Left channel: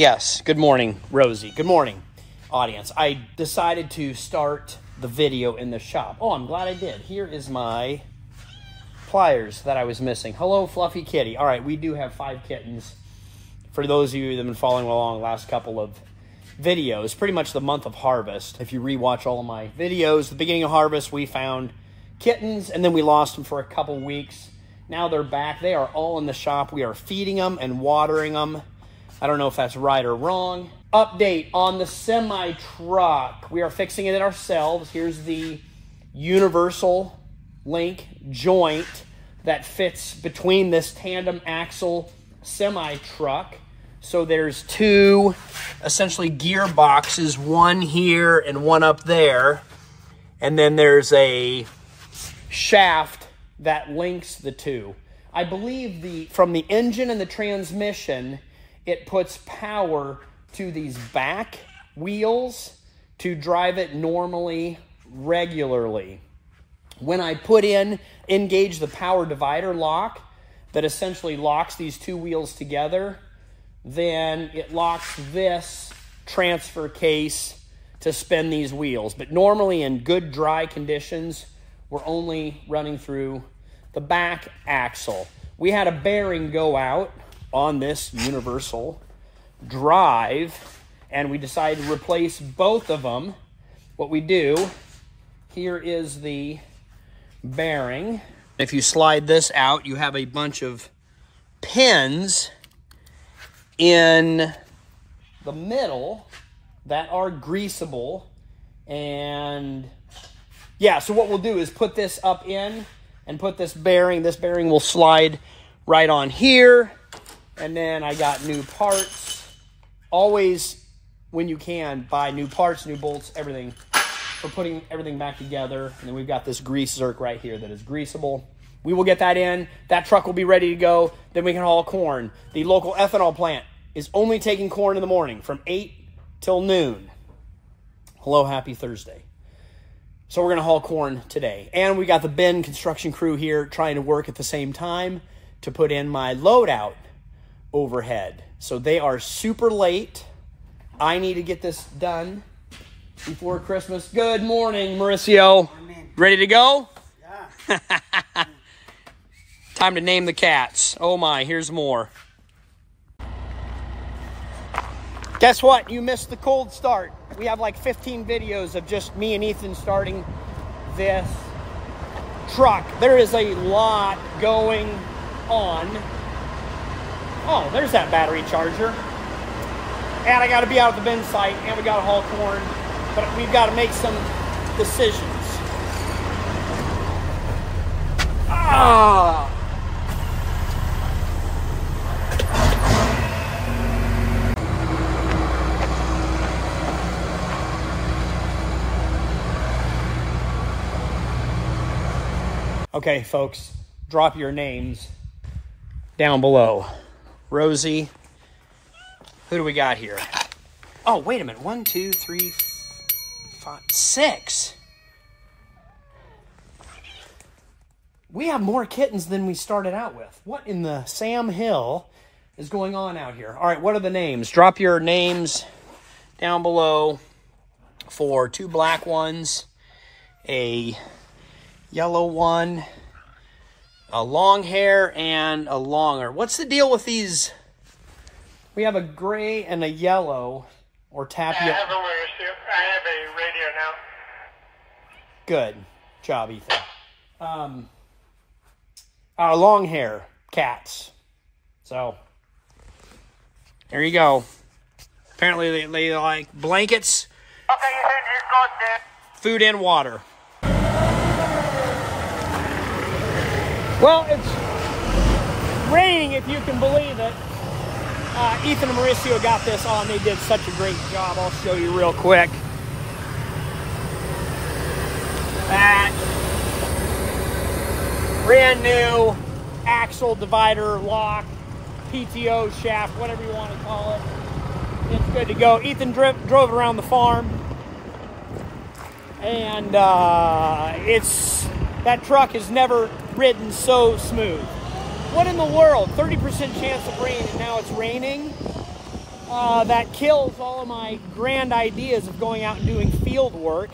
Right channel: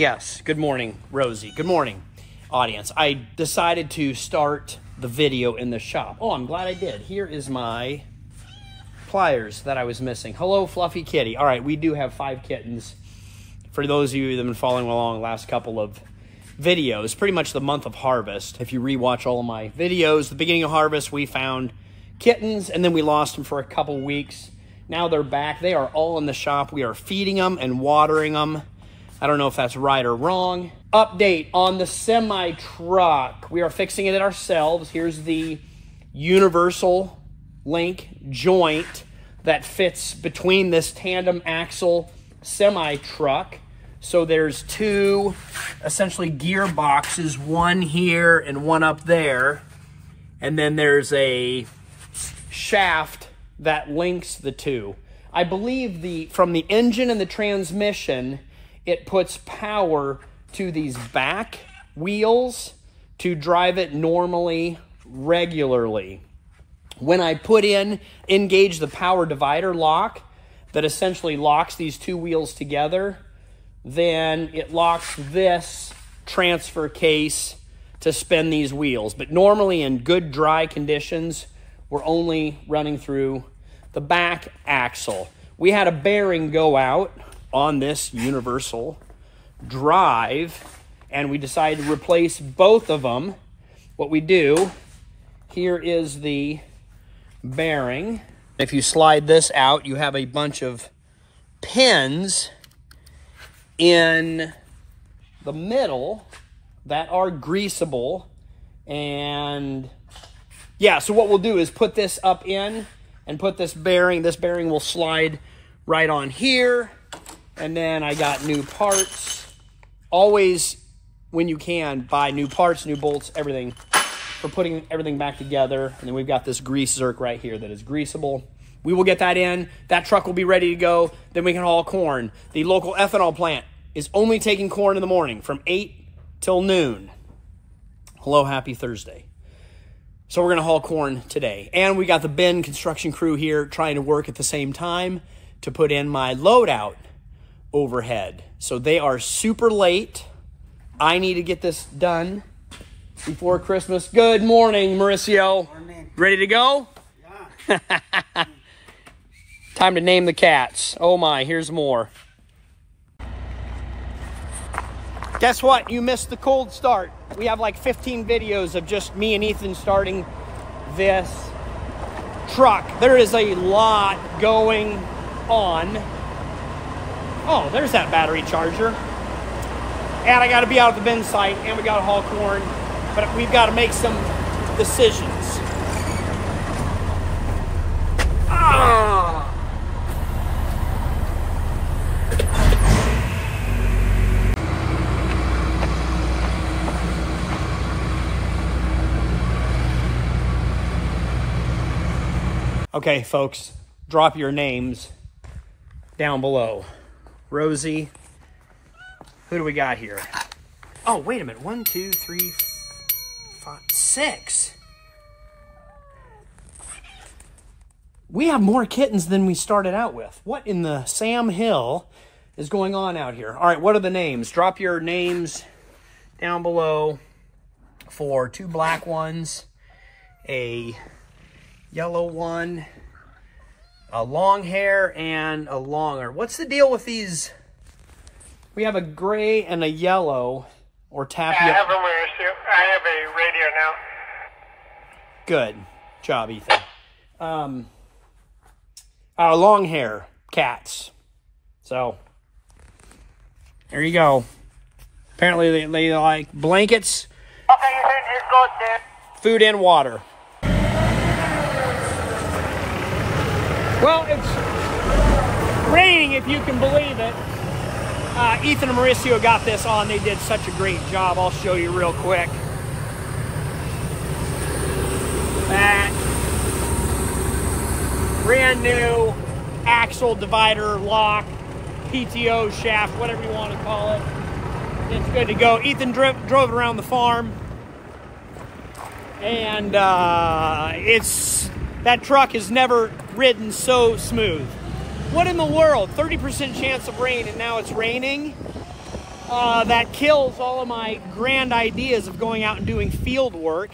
Yes, good morning, Rosie. Good morning, audience. I decided to start the video in the shop. Oh, I'm glad I did. Here is my pliers that I was missing. Hello, Fluffy Kitty. All right, we do have 5 kittens. For those of you that have been following along the last couple of videos, pretty much the month of harvest. If you rewatch all of my videos, the beginning of harvest, we found kittens, and then we lost them for a couple weeks. Now they're back. They are all in the shop. We are feeding them and watering them. I don't know if that's right or wrong. Update on the semi-truck. We are fixing it ourselves. Here's the universal link joint that fits between this tandem axle semi-truck. So there's 2 essentially gearboxes, one here and one up there. And then there's a shaft that links the 2. I believe from the engine and the transmission, it puts power to these back wheels to drive it normally, regularly. When I engage the power divider lock that essentially locks these 2 wheels together, then it locks this transfer case to spin these wheels. But normally in good dry conditions, we're only running through the back axle. We had a bearing go out on this universal drive, and we decided to replace both of them. What we do, here is the bearing. If you slide this out, you have a bunch of pins in the middle that are greasable. And yeah, so what we'll do is put this up in and put this bearing. This bearing will slide right on here. And then I got new parts. Always, when you can, buy new parts, new bolts, everything, for putting everything back together. And then we've got this grease zerk right here that is greasable. We will get that in. That truck will be ready to go. Then we can haul corn. The local ethanol plant is only taking corn in the morning from 8 till noon. Hello, happy Thursday. So we're going to haul corn today. And we got the Ben construction crew here trying to work at the same time to put in my loadout overhead. So they are super late. I need to get this done before Christmas. Good morning, Mauricio. Morning. Ready to go? Yeah. Time to name the cats. Oh my, here's more. Guess what? You missed the cold start. We have like 15 videos of just me and Ethan starting this truck. There is a lot going on. Oh, there's that battery charger. And I got to be out at the bin site, and we got to haul corn. But we've got to make some decisions. Ah! Okay, folks, drop your names down below. Rosie, who do we got here? Oh, wait a minute. 1, 2, 3, 5, 6. We have more kittens than we started out with. What in the Sam Hill is going on out here? All right, what are the names? Drop your names down below for 2 black ones, a yellow one, a long hair, and a longer. What's the deal with these? We have a gray and a yellow, or tapioca. I have a radio now. Good job, Ethan. Our long hair cats. So there you go. Apparently they like blankets, Okay, Ethan, it's good there. food, and water. Well, it's raining, if you can believe it. Ethan and Mauricio got this on. They did such a great job. I'll show you real quick. Brand new axle divider lock, PTO shaft, whatever you want to call it. It's good to go. Ethan drove it around the farm. And that truck has never ridden so smooth. What in the world? 30% chance of rain, and now it's raining. that kills all of my grand ideas of going out and doing field work.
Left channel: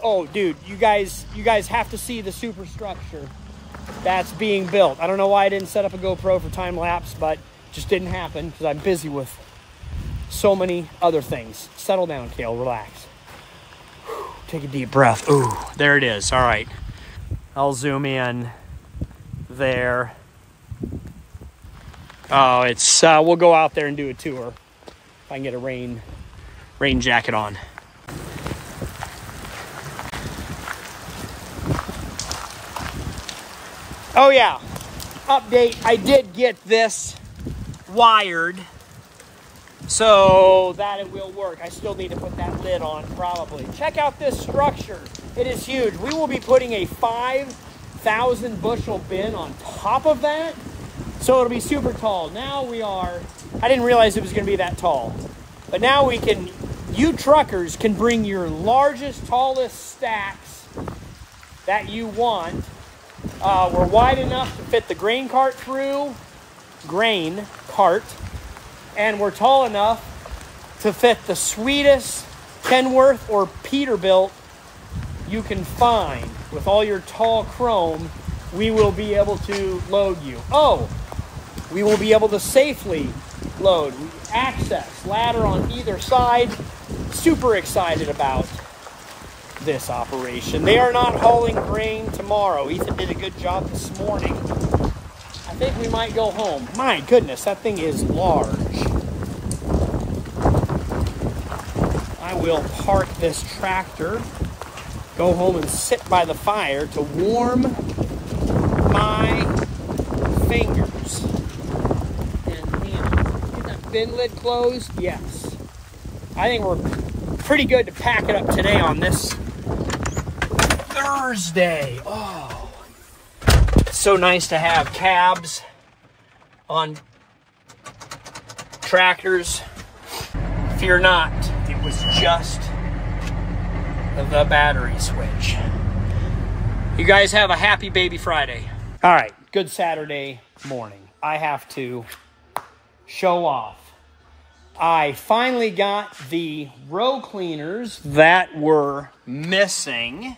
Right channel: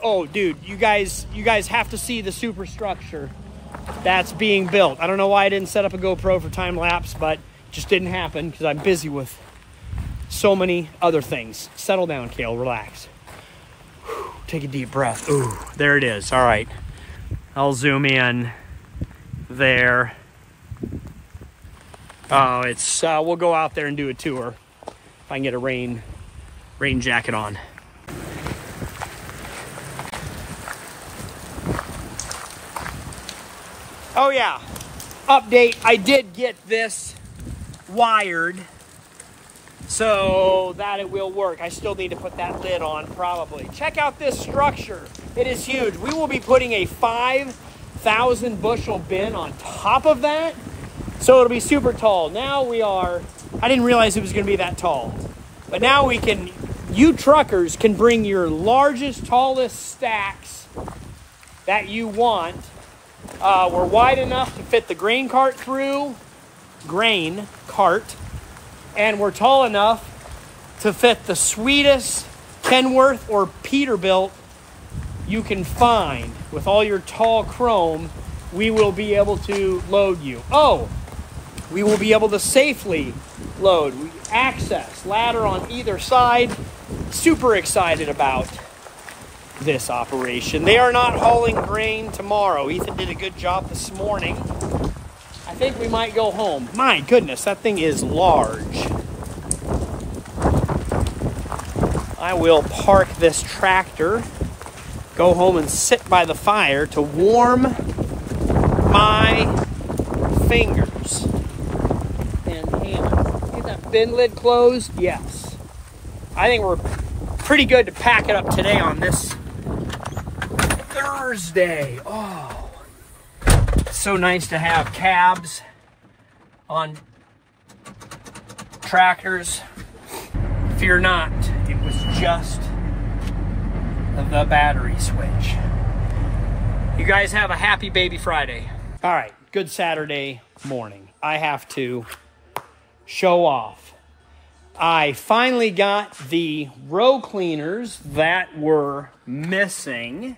Oh, dude, you guys have to see the superstructure that's being built. I don't know why I didn't set up a GoPro for time lapse, but it just didn't happen because I'm busy with so many other things. Settle down, Kale, relax. Whew, take a deep breath. Ooh, there it is. All right, I'll zoom in there. Oh, it's, we'll go out there and do a tour. If I can get a rain jacket on. Oh yeah, update, I did get this wired so that it will work. I still need to put that lid on probably. Check out this structure, it is huge. We will be putting a 5,000 bushel bin on top of that, so it'll be super tall. Now we are, I didn't realize it was gonna be that tall, but now we can, you truckers can bring your largest, tallest stacks that you want. We're wide enough to fit the grain cart through, and we're tall enough to fit the sweetest Kenworth or Peterbilt you can find. With all your tall chrome, we will be able to load you. Oh, we will be able to safely load. Access, ladder on either side. Super excited about this operation. They are not hauling grain tomorrow. Ethan did a good job this morning. I think we might go home. My goodness, that thing is large. I will park this tractor, go home and sit by the fire to warm my fingers. And get that bin lid closed? Yes. I think we're pretty good to pack it up today on this Thursday. Oh, it's so nice to have cabs on tractors. Fear not, it was just the battery switch. You guys have a happy Baby Friday. All right, good Saturday morning. I have to show off. I finally got the row cleaners that were missing,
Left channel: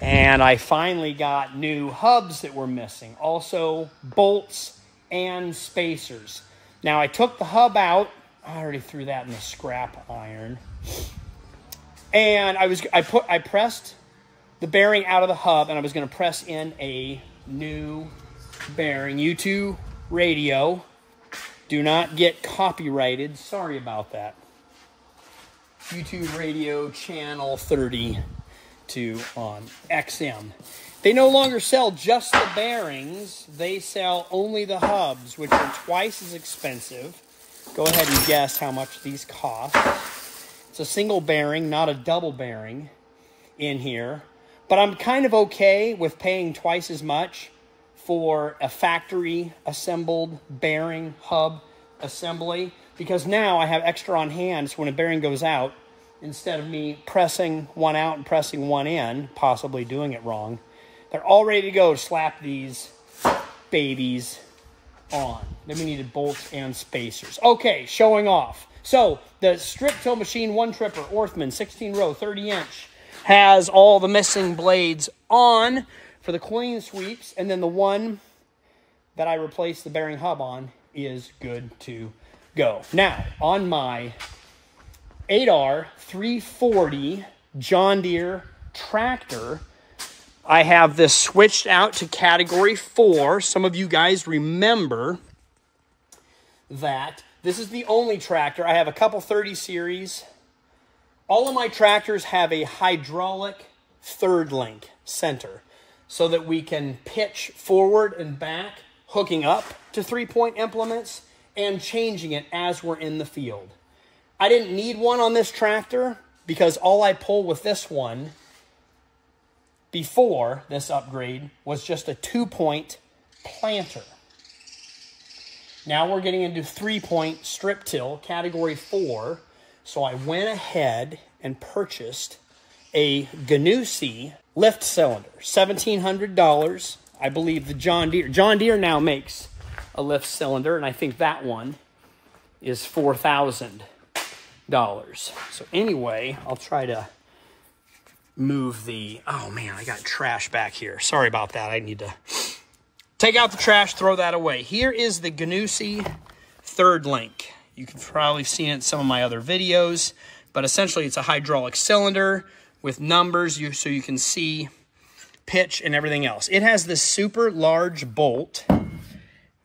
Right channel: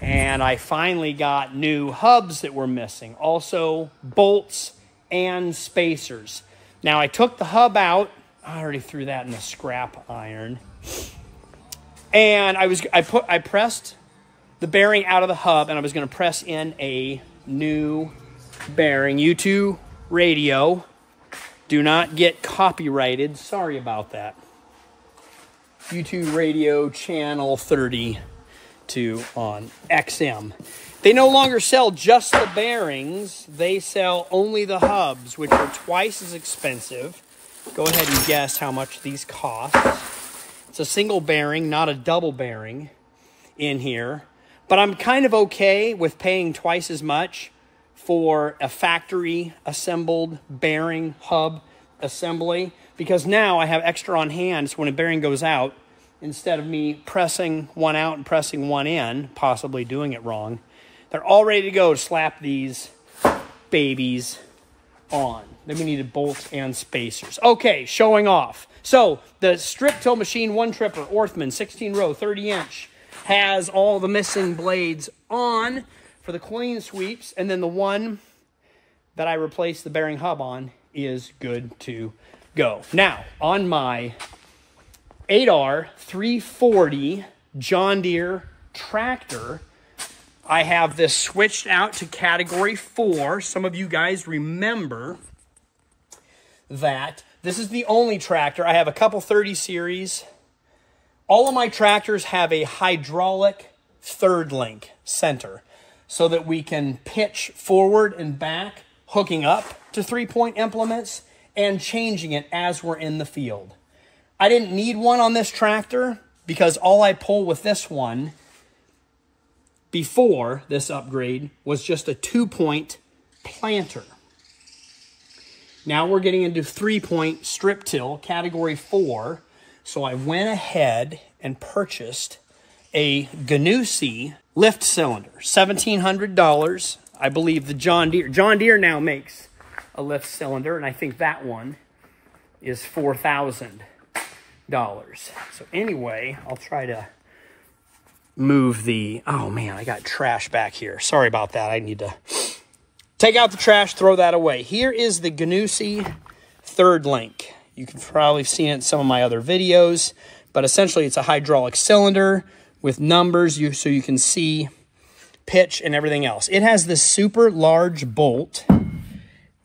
and I finally got new hubs that were missing. Also, bolts and spacers. Now, I took the hub out. I already threw that in the scrap iron. And I pressed the bearing out of the hub, and I was going to press in a new bearing. U2 radio. Do not get copyrighted. Sorry about that. U2 radio channel 32 on XM. They no longer sell just the bearings. They sell only the hubs, which are twice as expensive. Go ahead and guess how much these cost. It's a single bearing, not a double bearing in here. But I'm kind of okay with paying twice as much for a factory assembled bearing hub assembly, because now I have extra on hand, so when a bearing goes out, instead of me pressing one out and pressing one in, possibly doing it wrong, they're all ready to go to slap these babies on. Then we needed bolts and spacers. Okay, showing off. So the strip till machine one tripper, Orthman, 16 row, 30 inch, has all the missing blades on for the clean sweeps, and then the one that I replaced the bearing hub on is good to go. Now, on my 8R 340 John Deere tractor, I have this switched out to category 4. Some of you guys remember that this is the only tractor. I have a couple 30 series. All of my tractors have a hydraulic third link center so that we can pitch forward and back, hooking up to 3-point implements and changing it as we're in the field. I didn't need one on this tractor because all I pull with this one before this upgrade was just a 2-point planter. Now we're getting into 3-point strip till, category 4. So I went ahead and purchased a Gnussi lift cylinder, $1,700. I believe the John Deere now makes a lift cylinder, and I think that one is $4,000. So anyway, I'll try to move the, oh man, I got trash back here. Sorry about that. I need to take out the trash, throw that away. Here is the Gnussi third link. You can probably see it in some of my other videos, but essentially it's a hydraulic cylinder with numbers so you can see pitch and everything else. It has this super large bolt,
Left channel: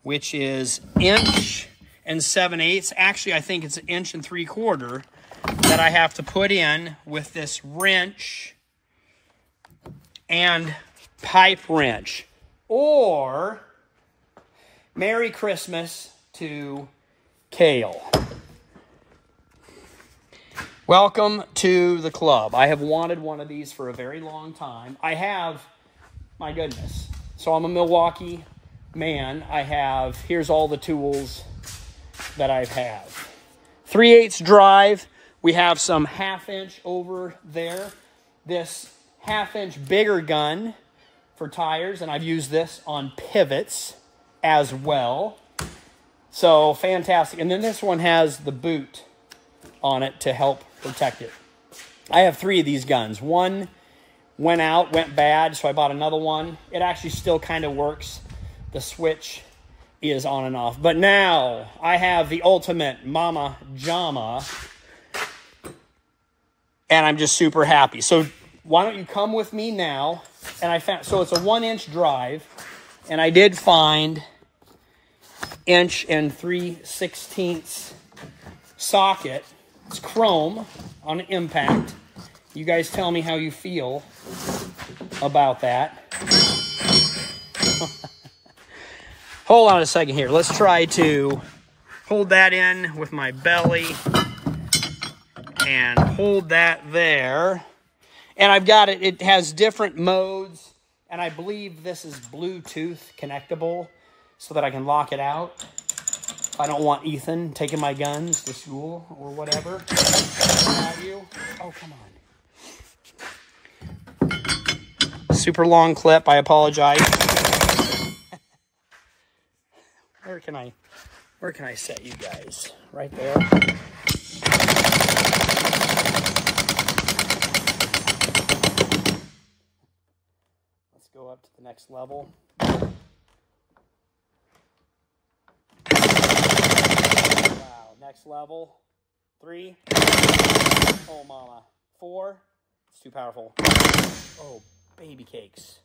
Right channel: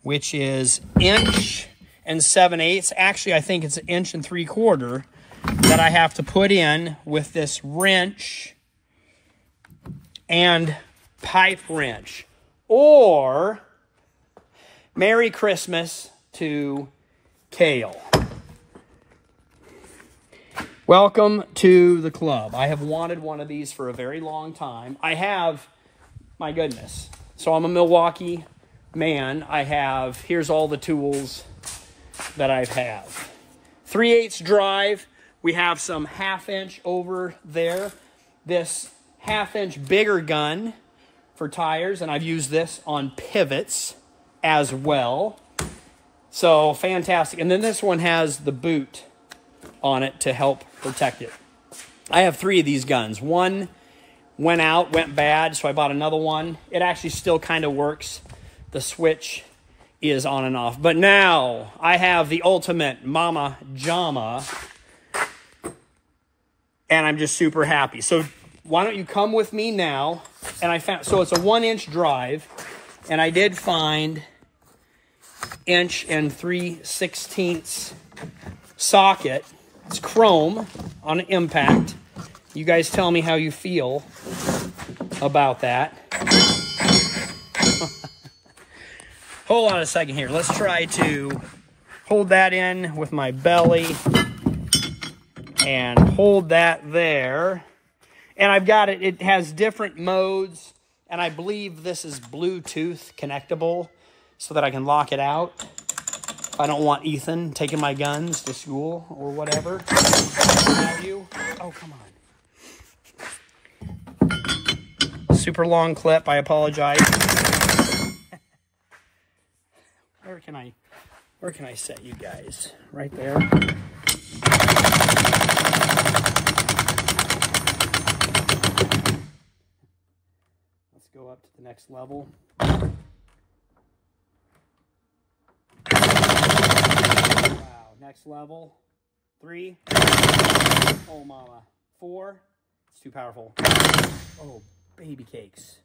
which is 1 7/8. Actually, I think it's 1 3/4 that I have to put in with this wrench and pipe wrench. Or Merry Christmas to Kale. Welcome to the club. I have wanted one of these for a very long time. I have, my goodness. So I'm a Milwaukee man. Here's all the tools that I have. 3/8 drive. We have some 1/2 inch over there. This 1/2 inch bigger gun for tires, and I've used this on pivots as well. So fantastic. And then this one has the boot on it to help protect it. I have 3 of these guns. One went bad, so I bought another one. It actually still kind of works. The switch is on and off. But now I have the ultimate Mama Jama, and I'm just super happy. So why don't you come with me now? And I found, so it's a 1 inch drive, and I did find 1 3/16 socket. It's chrome on an impact. You guys tell me how you feel about that. Hold on a second here. Let's try to hold that in with my belly and hold that there. And I've got it. It has different modes, and I believe this is Bluetooth connectable so that I can lock it out if I don't want Ethan taking my guns to school or whatever. Oh, come on. Super long clip. I apologize. Where can I set you guys? Right there. Let's go up to the next level. Wow, next level. 3. Oh, mama. 4. It's too powerful. Oh, baby cakes.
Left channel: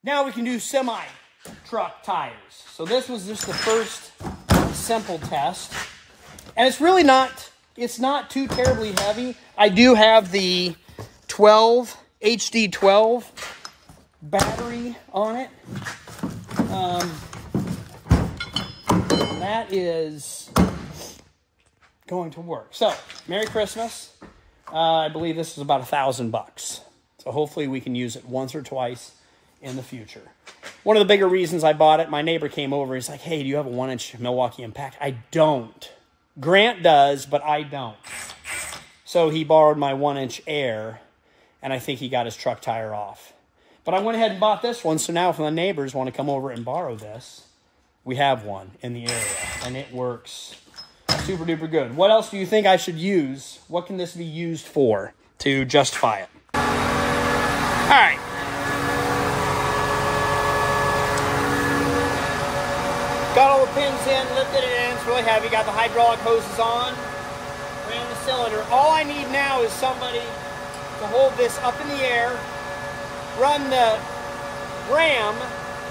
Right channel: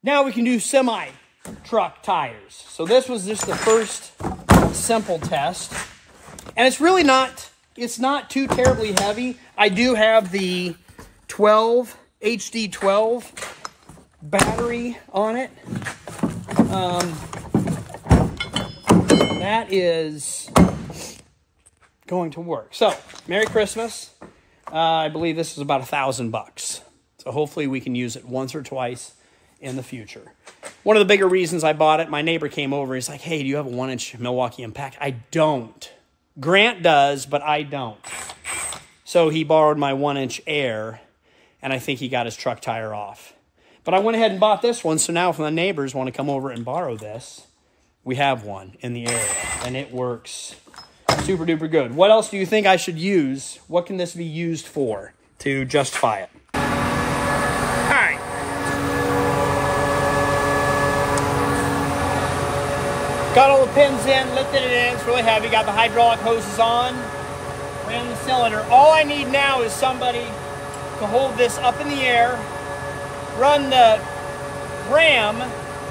Now we can do semi-truck tires. So this was just the first simple test. And it's really not, it's not too terribly heavy. I do have the HD12 battery on it. That is going to work. So, Merry Christmas. I believe this is about $1,000. So hopefully we can use it once or twice in the future. One of the bigger reasons I bought it, my neighbor came over. He's like, hey, do you have a 1 inch Milwaukee Impact? I don't. Grant does, but I don't. So he borrowed my 1 inch Air, and I think he got his truck tire off. But I went ahead and bought this one, so now if my neighbors want to come over and borrow this, we have one in the area, and it works super duper good. What else do you think I should use? What can this be used for to justify it? All right. Got all the pins in, lifted it in, it's really heavy, got the hydraulic hoses on, ran the cylinder. All I need now is somebody to hold this up in the air, run the ram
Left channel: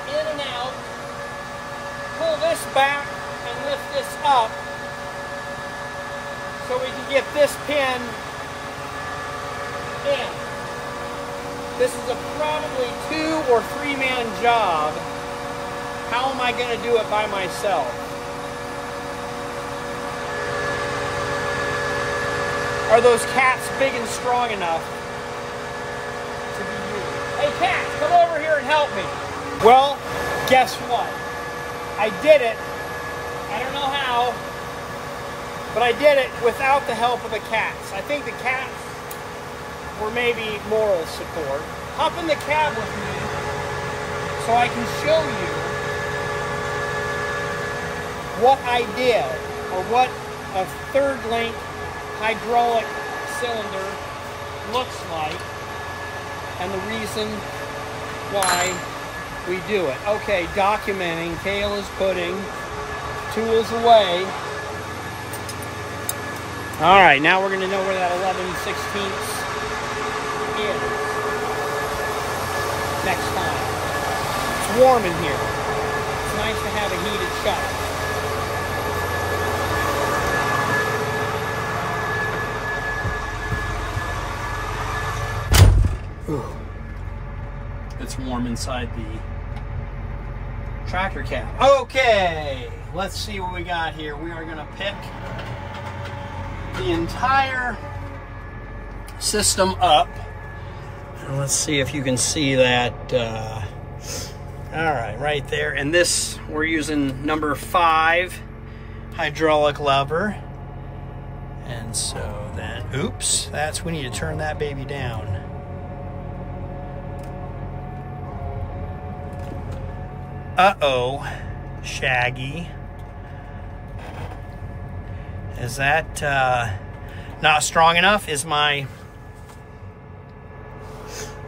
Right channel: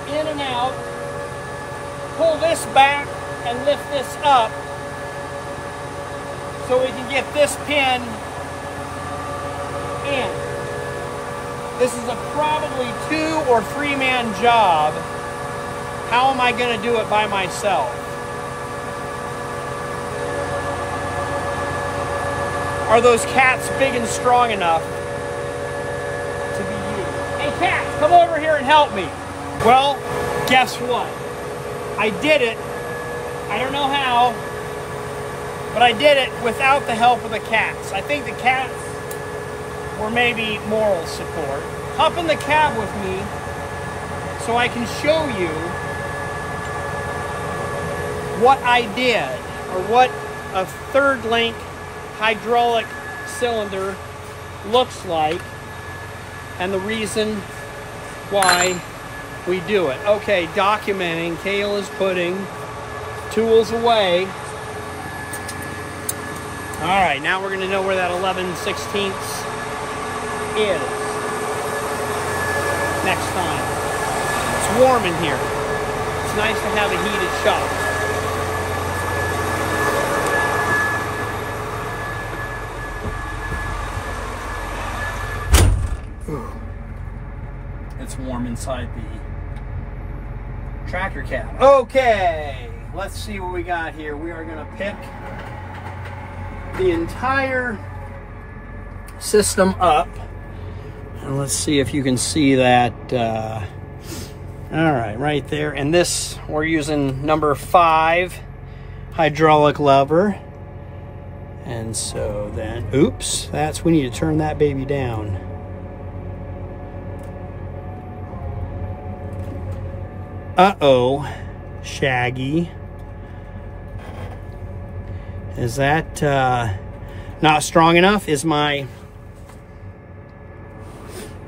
in and out, pull this back and lift this up so we can get this pin in. This is a probably 2 or 3 man job. How am I going to do it by myself? Are those cats big and strong enough to be used? Hey, cats, come over here and help me. Well, guess what? I did it. I don't know how, but I did it without the help of the cats. I think the cats were maybe moral support. hop in the cab with me so I can show you what I did, or what a third link hydraulic cylinder looks like, and the reason why we do it. Okay, documenting. Cale is putting tools away. All right, now we're going to know where that 11/16 is next time. It's warm in here. It's nice to have a heated shop. Ooh. It's warm inside the tractor cab. Okay, let's see what we got here. We are going to pick the entire system up, and let's see if you can see that. All right there. And this, we're using number 5 hydraulic lever. And so then, oops, we need to turn that baby down. Uh-oh, Shaggy. Is that not strong enough? Is my...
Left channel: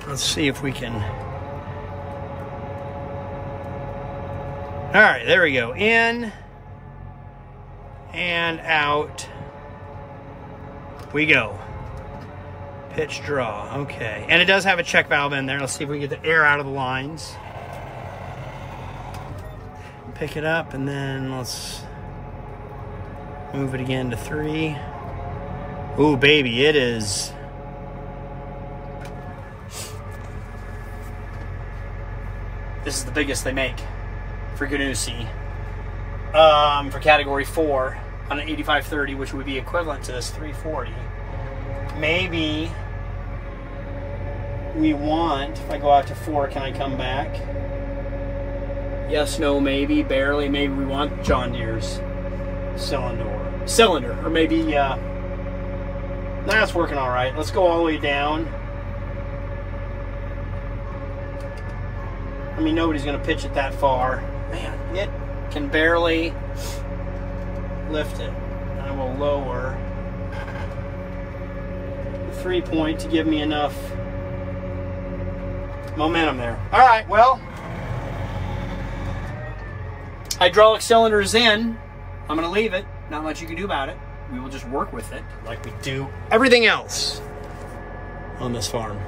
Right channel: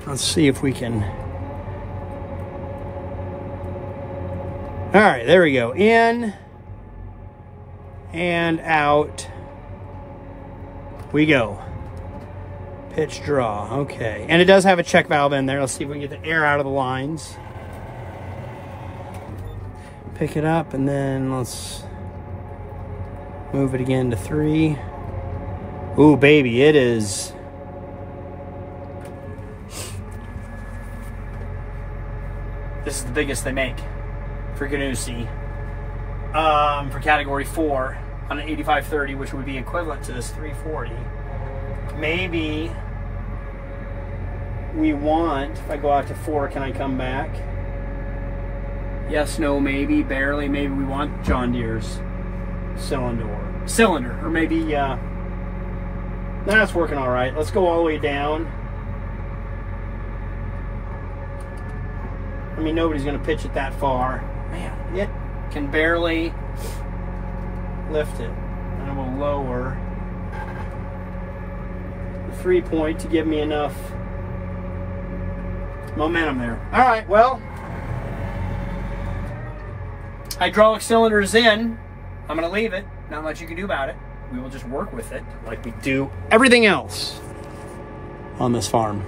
Let's see if we can... All right, there we go. In and out we go. Pitch draw, okay. And it does have a check valve in there. Let's see if we can get the air out of the lines. Pick it up, and then let's move it again to 3. Ooh, baby, it is. This is the biggest they make for Ganussi. For category 4 on an 8530, which would be equivalent to this 340. Maybe we want, if I go out to 4, can I come back? Yes, no, maybe, barely. Maybe we want John Deere's cylinder, or maybe that's working all right. Let's go all the way down. I mean, nobody's gonna pitch it that far. Man, it can barely lift it. And I will lower the 3-point to give me enough momentum there. All right, well, hydraulic cylinder is in. I'm gonna leave it. Not much you can do about it. We will just work with it like we do everything else on this farm.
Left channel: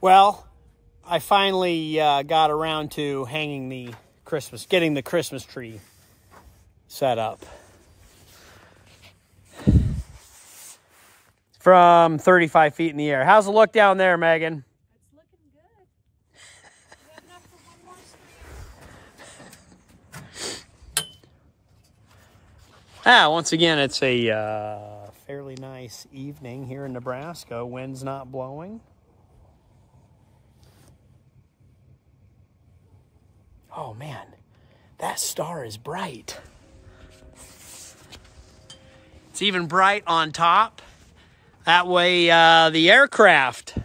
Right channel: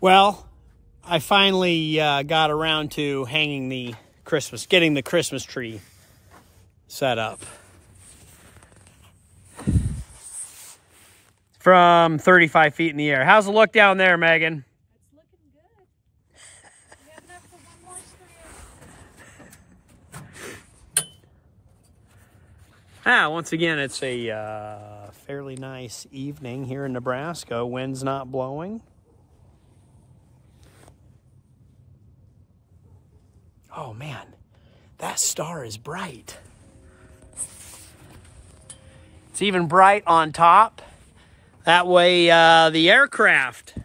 Well, I finally got around to hanging the getting the Christmas tree set up. From 35 feet in the air. How's it look down there, Megan? It's looking good. We have enough for one more stream. Once again, it's a fairly nice evening here in Nebraska. Wind's not blowing. Oh man, that star is bright. It's even bright on top. That way the aircraft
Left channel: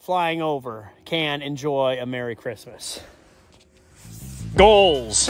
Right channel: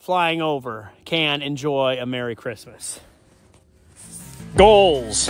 flying over can enjoy a Merry Christmas. Goals.